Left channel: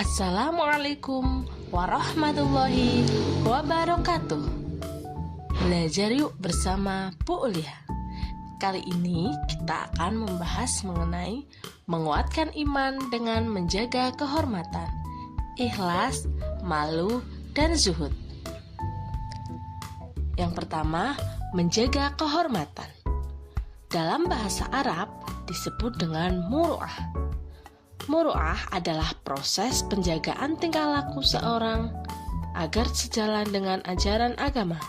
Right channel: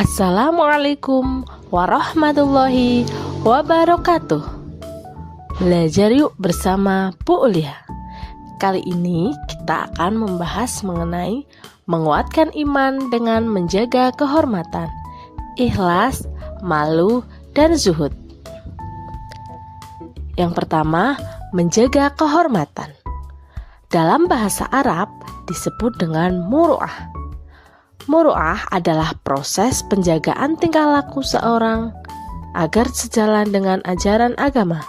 Assalamualaikum warahmatullahi wabarakatuh. Belajar yuk bersama Bu Ulia. Kali ini kita akan membahas mengenai menguatkan iman dengan menjaga kehormatan, ikhlas, malu, dan zuhud. Yang pertama, menjaga kehormatan. Dalam bahasa Arab disebut dengan muru'ah. Muru'ah adalah proses penjagaan tingkah laku seorang agar sejalan dengan ajaran agama,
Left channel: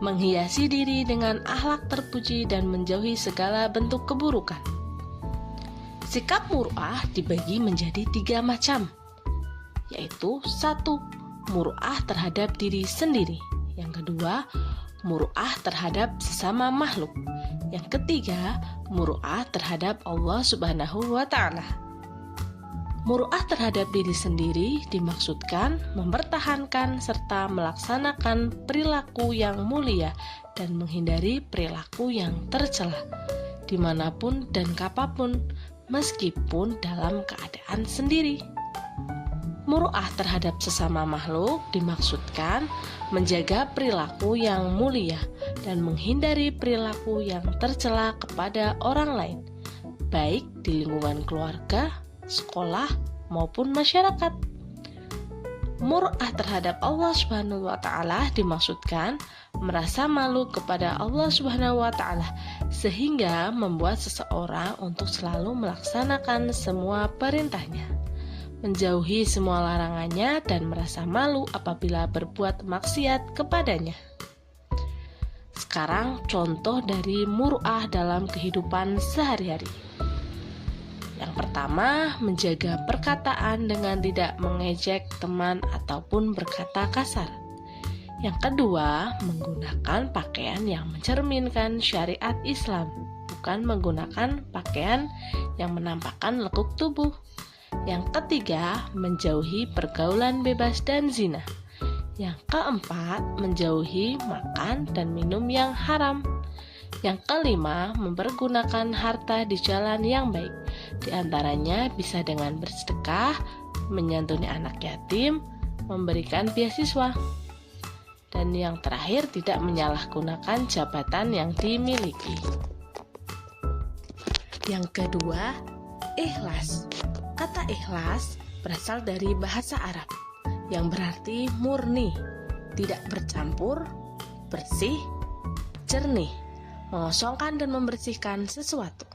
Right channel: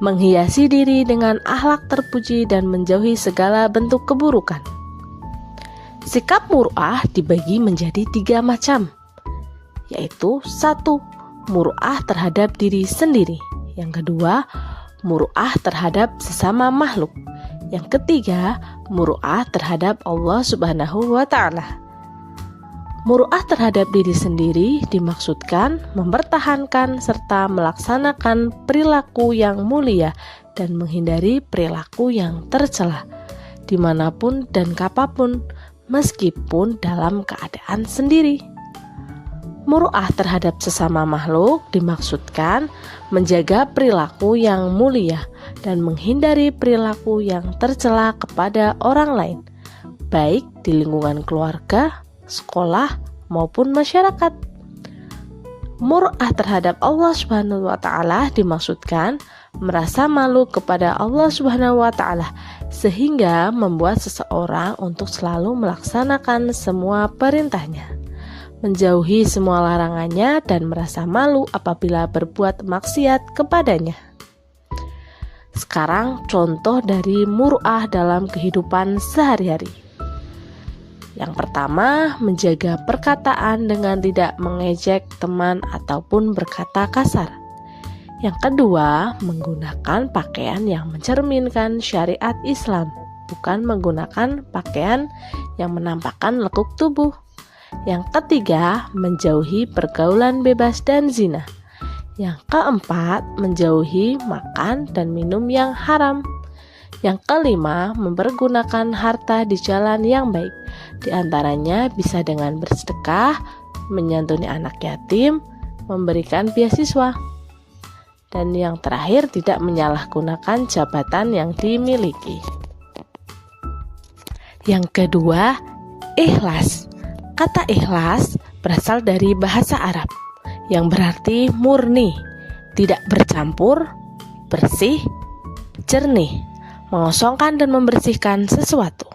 menghiasi diri dengan akhlak terpuji dan menjauhi segala bentuk keburukan. Sikap muru'ah dibagi menjadi 3 macam, yaitu 1. Muru'ah terhadap diri sendiri. Yang kedua, muru'ah terhadap sesama makhluk. Yang ketiga, muru'ah terhadap Allah Subhanahu wa Ta'ala. Muru'ah terhadap diri sendiri dimaksudkan mempertahankan serta melaksanakan perilaku yang mulia dan menghindari perilaku yang tercela dimanapun dan kapanpun, meskipun dalam keadaan sendiri. Muru'ah terhadap sesama makhluk dimaksudkan menjaga perilaku yang mulia dan menghindari perilaku yang tercela kepada orang lain, baik di lingkungan keluarga, sekolah, maupun masyarakat. Muru'ah terhadap Allah Subhanahu wa Ta'ala dimaksudkan merasa malu kepada Allah Subhanahu wa Ta'ala, sehingga membuat seseorang untuk selalu melaksanakan semua perintahnya, menjauhi semua larangannya, dan merasa malu apabila berbuat maksiat kepadanya. Sekarang contoh dari muru'ah dalam kehidupan sehari-hari. Yang pertama, menjaga perkataan dengan tidak mengejek teman ataupun berkata kasar. Yang kedua, menggunakan pakaian yang mencerminkan syariat Islam, bukan menggunakan pakaian yang menampakkan lekuk tubuh. Yang ketiga, menjauhi pergaulan bebas dan zina. Yang keempat, menjauhi makan dan minum yang haram. Yang kelima, mempergunakan harta di jalan yang baik. Di antaranya bisa dengan bersedekah, menyantuni anak yatim, memberikan beasiswa. Dan yang terakhir, tidak menyalahgunakan jabatan yang dimiliki. Yang kedua, ikhlas. Kata ikhlas berasal dari bahasa Arab yang berarti murni, tidak bercampur, bersih, jernih, mengosongkan dan membersihkan sesuatu.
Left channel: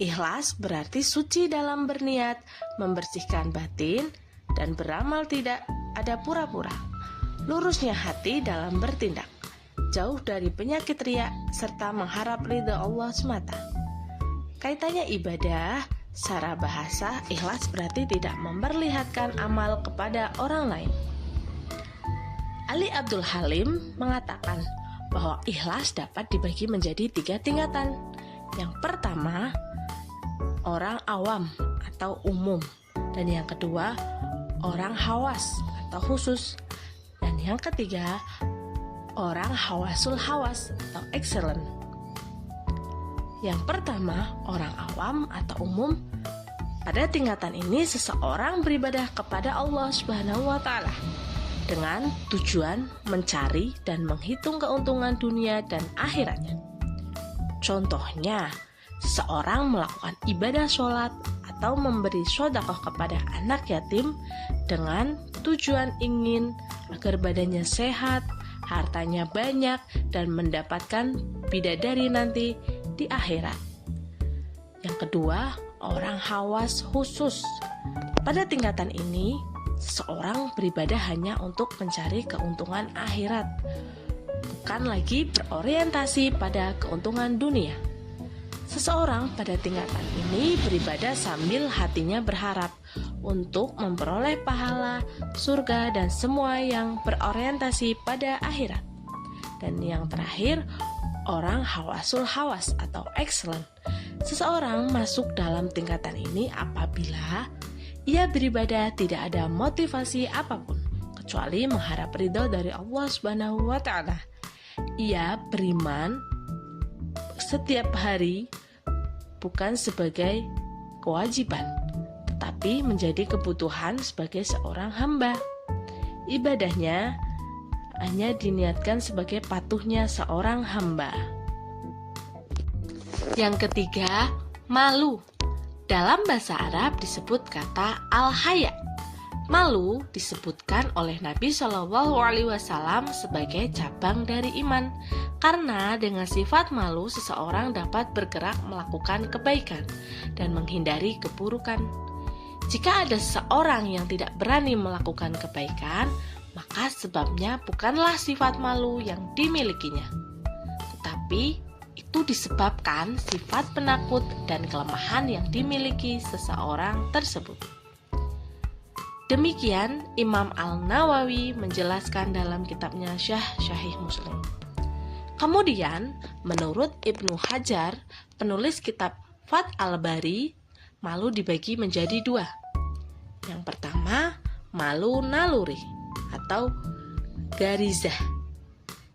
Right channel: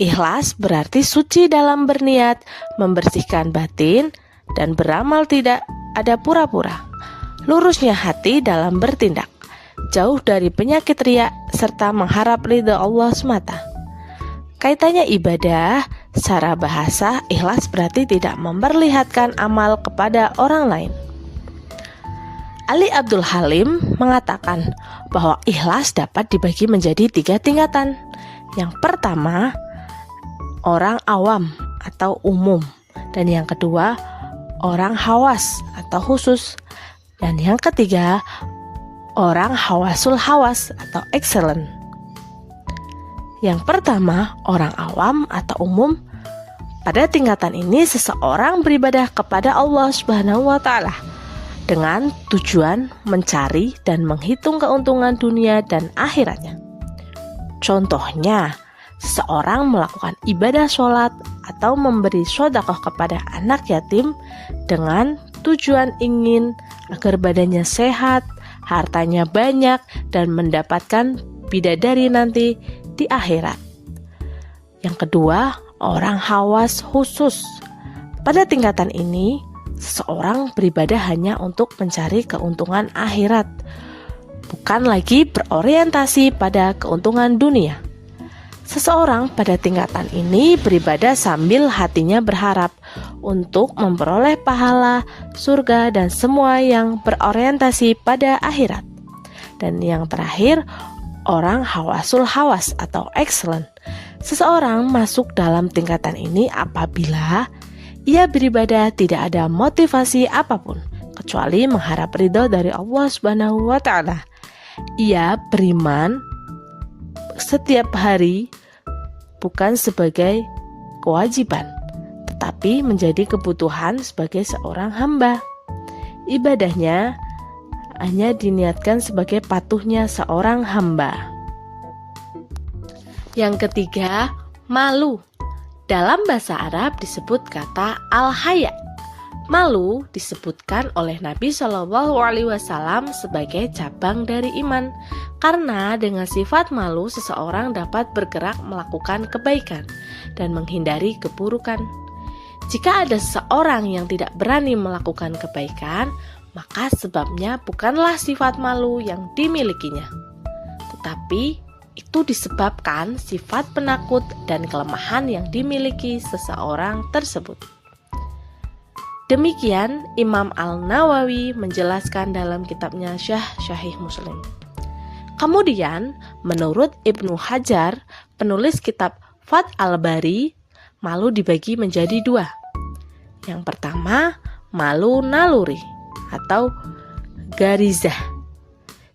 Ikhlas berarti suci dalam berniat, membersihkan batin, dan beramal tidak ada pura-pura. Lurusnya hati dalam bertindak, jauh dari penyakit riya, serta mengharap ridha Allah semata. Kaitannya ibadah, secara bahasa ikhlas berarti tidak memperlihatkan amal kepada orang lain. Ali Abdul Halim mengatakan bahwa ikhlas dapat dibagi menjadi 3 tingkatan. Yang pertama, orang awam atau umum, dan yang kedua, orang hawas atau khusus, dan yang ketiga, orang hawasul hawas atau excellent. Yang pertama, orang awam atau umum. Pada tingkatan ini seseorang beribadah kepada Allah Subhanahu wa Ta'ala dengan tujuan mencari dan menghitung keuntungan dunia dan akhiratnya. Contohnya, seseorang melakukan ibadah sholat atau memberi sedekah kepada anak yatim dengan tujuan ingin agar badannya sehat, hartanya banyak, dan mendapatkan bidadari nanti di akhirat. Yang kedua, orang hawas khusus. Pada tingkatan ini, seseorang beribadah hanya untuk mencari keuntungan akhirat, bukan lagi berorientasi pada keuntungan dunia. Seseorang pada tingkatan ini beribadah sambil hatinya berharap untuk memperoleh pahala, surga, dan semua yang berorientasi pada akhirat. Dan yang terakhir, orang hawasul hawas atau excellent. Seseorang masuk dalam tingkatan ini apabila ia beribadah tidak ada motivasi apapun kecuali mengharap ridho dari Allah Subhanahu wa Ta'ala. Ia beriman setiap hari bukan sebagai kewajiban, tetapi tetapi menjadi kebutuhan sebagai seorang hamba. Ibadahnya hanya diniatkan sebagai patuhnya seorang hamba. Yang ketiga, malu. Dalam bahasa Arab disebut kata al-haya. Malu disebutkan oleh Nabi Shallallahu Alaihi Wasallam sebagai cabang dari iman, karena dengan sifat malu seseorang dapat bergerak melakukan kebaikan dan menghindari keburukan. Jika ada seseorang yang tidak berani melakukan kebaikan, maka sebabnya bukanlah sifat malu yang dimilikinya, tetapi itu disebabkan sifat penakut dan kelemahan yang dimiliki seseorang tersebut. Demikian Imam Al-Nawawi menjelaskan dalam kitabnya Sahih Muslim. Kemudian, menurut Ibnu Hajar, penulis kitab Fath al-Bari, malu dibagi menjadi dua. Yang pertama, malu naluri atau garizah.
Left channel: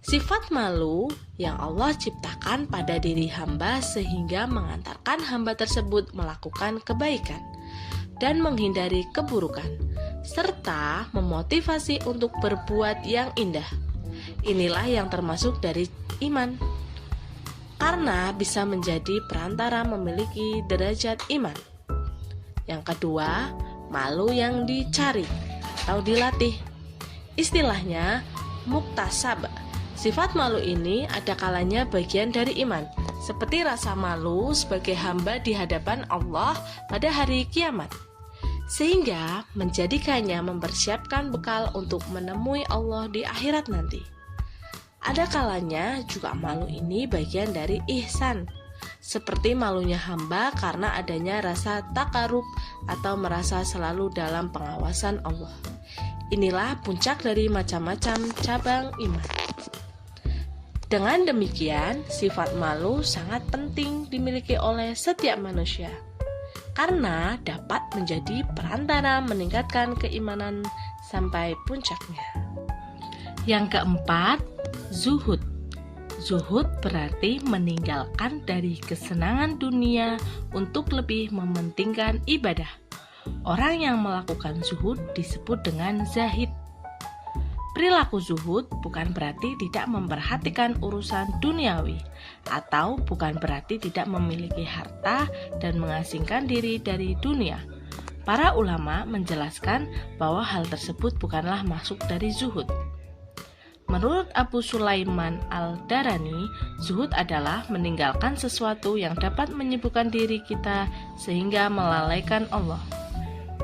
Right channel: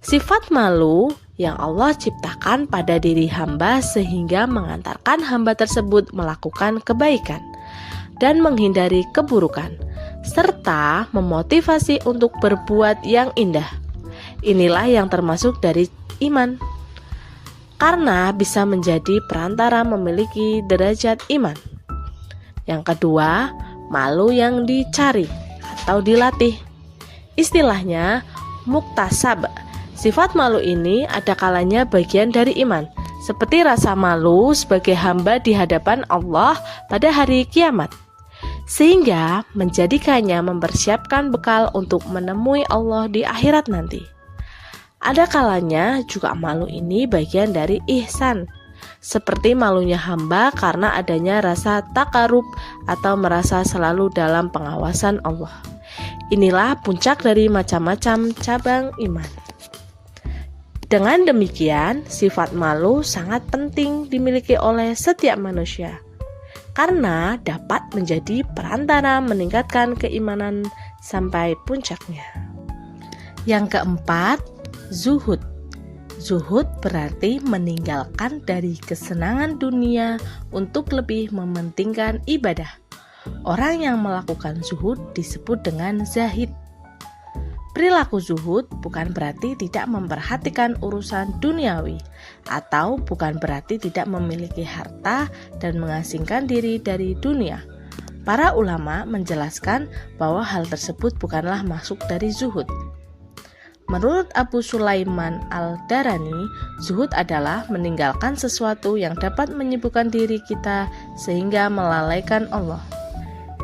Sifat malu yang Allah ciptakan pada diri hamba sehingga mengantarkan hamba tersebut melakukan kebaikan dan menghindari keburukan, serta memotivasi untuk berbuat yang indah. Inilah yang termasuk dari iman, karena bisa menjadi perantara memiliki derajat iman. Yang kedua, malu yang dicari atau dilatih. Istilahnya muktasab. Sifat malu ini ada kalanya bagian dari iman, seperti rasa malu sebagai hamba di hadapan Allah pada hari kiamat, sehingga menjadikannya mempersiapkan bekal untuk menemui Allah di akhirat nanti. Ada kalanya juga malu ini bagian dari ihsan, seperti malunya hamba karena adanya rasa takarub atau merasa selalu dalam pengawasan Allah. Inilah puncak dari macam-macam cabang iman. Dengan demikian, sifat malu sangat penting dimiliki oleh setiap manusia, karena dapat menjadi perantara meningkatkan keimanan sampai puncaknya. Yang keempat, zuhud. Zuhud berarti meninggalkan dari kesenangan dunia untuk lebih mementingkan ibadah. Orang yang melakukan zuhud disebut dengan zahid. Perilaku zuhud bukan berarti tidak memperhatikan urusan duniawi, atau bukan berarti tidak memiliki harta dan mengasingkan diri dari dunia. Para ulama menjelaskan bahwa hal tersebut bukanlah masuk dari zuhud. Menurut Abu Sulaiman Al-Darani, zuhud adalah meninggalkan sesuatu yang dapat menyibukkan diri kita sehingga melalaikan Allah.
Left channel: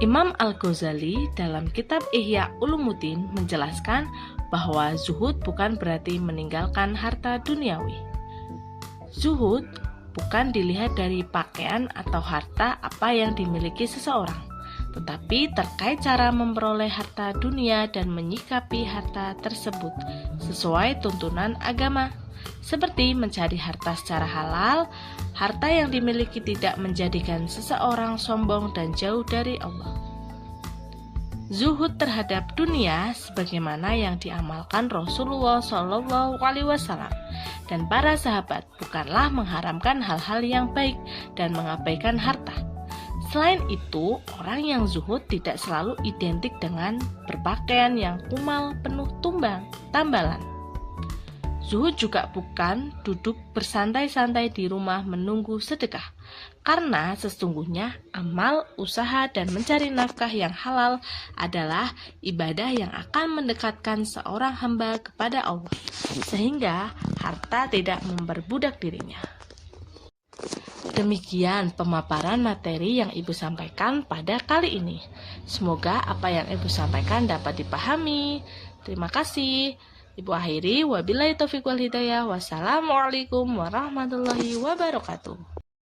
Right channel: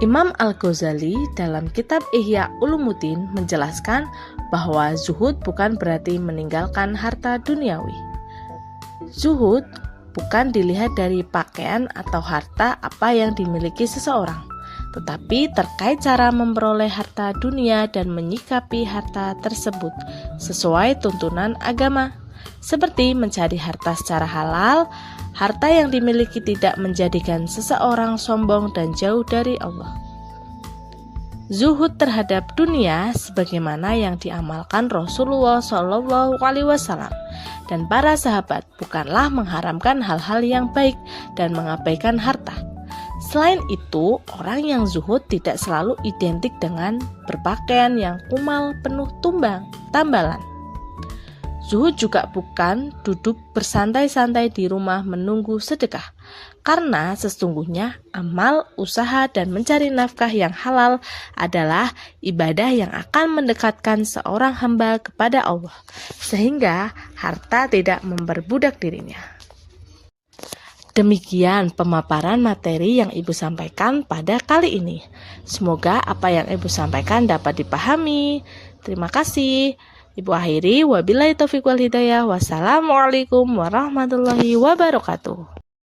Imam Al-Ghazali dalam kitab Ihya Ulumuddin menjelaskan bahwa zuhud bukan berarti meninggalkan harta duniawi. Zuhud bukan dilihat dari pakaian atau harta apa yang dimiliki seseorang, tetapi terkait cara memperoleh harta dunia dan menyikapi harta tersebut sesuai tuntunan agama, seperti mencari harta secara halal. Harta yang dimiliki tidak menjadikan seseorang sombong dan jauh dari Allah. Zuhud terhadap dunia sebagaimana yang diamalkan Rasulullah SAW dan para sahabat bukanlah mengharamkan hal-hal yang baik dan mengabaikan harta. Selain itu, orang yang zuhud tidak selalu identik dengan berpakaian yang kumal penuh tambalan. Zuhud juga bukan duduk bersantai-santai di rumah menunggu sedekah, karena sesungguhnya amal, usaha, dan mencari nafkah yang halal adalah ibadah yang akan mendekatkan seorang hamba kepada Allah, sehingga harta tidak memperbudak dirinya. Demikian pemaparan materi yang Ibu sampaikan pada kali ini. Semoga apa yang Ibu sampaikan dapat dipahami. Terima kasih. Ibu akhiri, wabillahi taufiq wal hidayah. Wassalamualaikum warahmatullahi wabarakatuh.